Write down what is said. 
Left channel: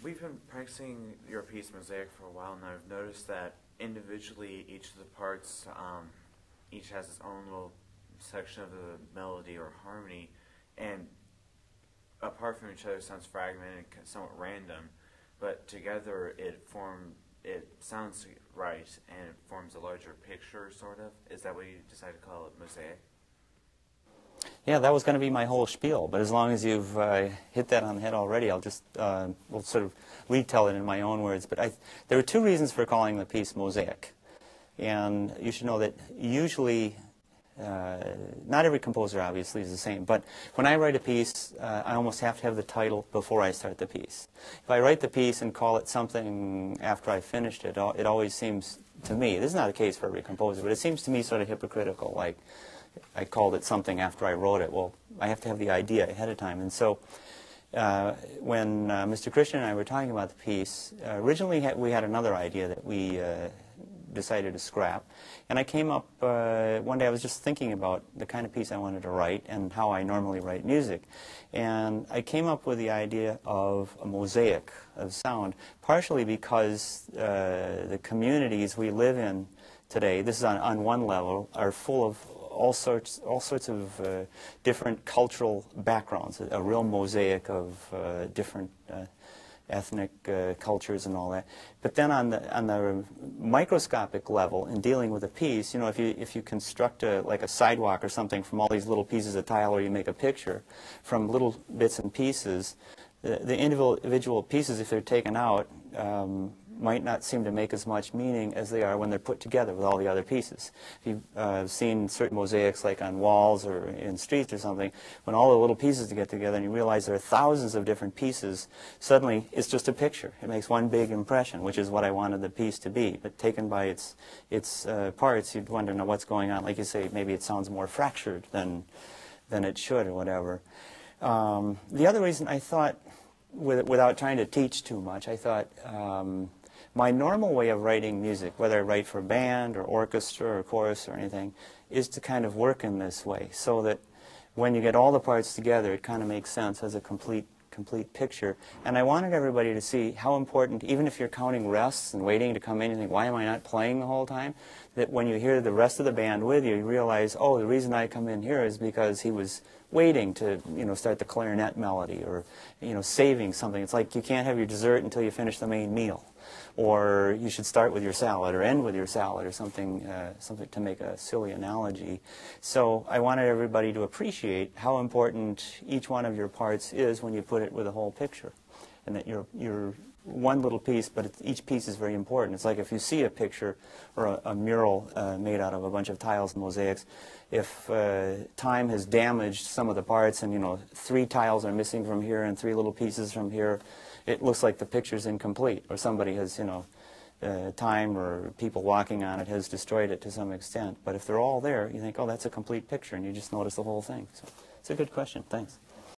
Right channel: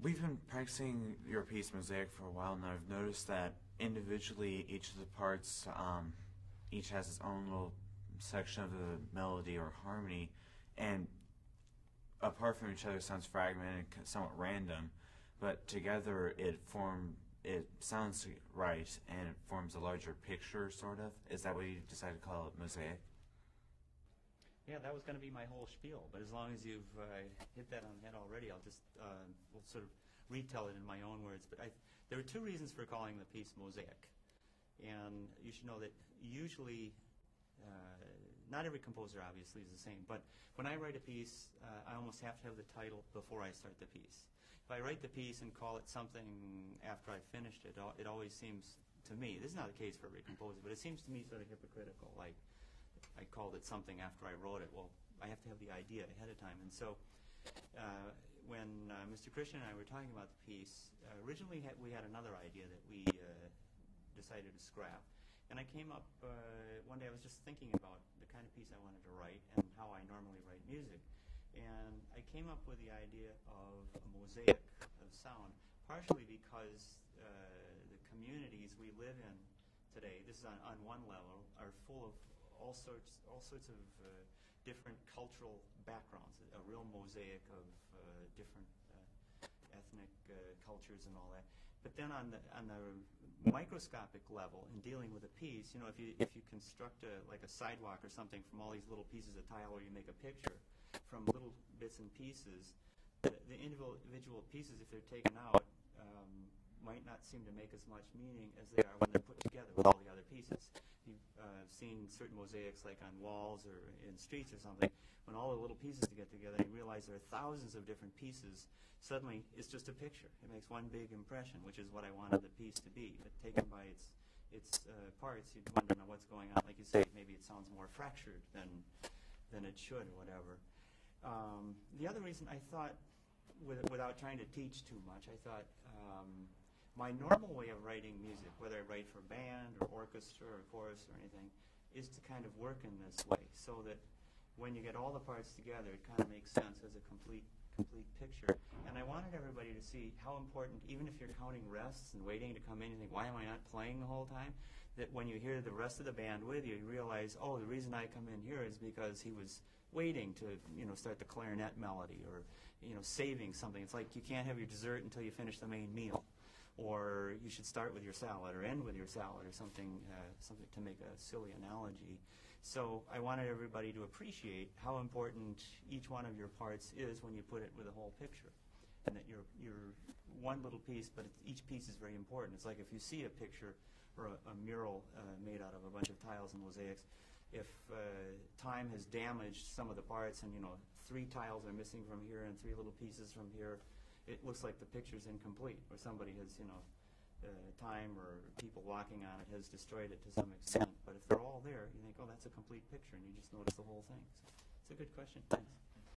We've been practicing your piece Mosaic for a while now. I've noticed that individually each of the parts each has its own little section of the melody or harmony, and apart from each other sounds fragmented and somewhat random, but together it sounds right and it forms a larger picture, sort of. Is that what you decided to call it, Mosaic? Yeah, that was going to be my whole spiel, but as long as you've hit that on the head already, I'll just we'll sort of retell it in my own words. But there are two reasons for calling the piece Mosaic. And you should know that usually, not every composer obviously is the same, but when I write a piece, I almost have to have the title before I start the piece. If I write the piece and call it something after I've finished it, it always seems to me, this is not the case for every composer, but it seems to me sort of hypocritical, like I called it something after I wrote it. Well, I have to have the idea ahead of time. And so when Mr. Christian and I were talking about the piece, originally we had another idea that we decided to scrap. And I came up, one day I was just thinking about the kind of piece I wanted to write and how I normally write music. And I came up with the idea of a mosaic of sound, partially because the communities we live in today, this is on one level, are full of all sorts of different cultural backgrounds, a real mosaic of different ethnic cultures and all that. But then on the microscopic level, in dealing with a piece, you know, if you construct like a sidewalk or something from all these little pieces of tile, or you make a picture from little bits and pieces, the individual pieces, if they're taken out, might not seem to make as much meaning as they are when they're put together with all the other pieces. If you've seen certain mosaics like on walls or in streets or something, when all the little pieces get together and you realize there are thousands of different pieces, suddenly it's just a picture. It makes one big impression, which is what I wanted the piece to be. But taken by its parts, you'd wonder, now, what's going on? Like you say, maybe it sounds more fractured than it should or whatever. The other reason I thought, without trying to teach too much, I thought my normal way of writing music, whether I write for band or orchestra or chorus or anything, is to kind of work in this way, so that when you get all the parts together, it kind of makes sense as a complete picture. And I wanted everybody to see how important, even if you're counting rests and waiting to come in and think, why am I not playing the whole time, that when you hear the rest of the band with you, you realize, oh, the reason I come in here is because he was waiting to, you know, start the clarinet melody, or, you know, saving something. It's like you can't have your dessert until you finish the main meal, or you should start with your salad or end with your salad, or something, something to make a silly analogy. So I wanted everybody to appreciate how important each one of your parts is when you put it with a whole picture, and that you're one little piece, but each piece is very important. It's like if you see a picture or a mural made out of a bunch of tiles and mosaics, if time has damaged some of the parts and, you know, 3 tiles are missing from here and 3 little pieces from here, it looks like the picture's incomplete, or somebody has, you know, time or people walking on it has destroyed it to some extent. But if they're all there, you think, oh, that's a complete picture, and you just notice the whole thing. So it's a good question. Thanks.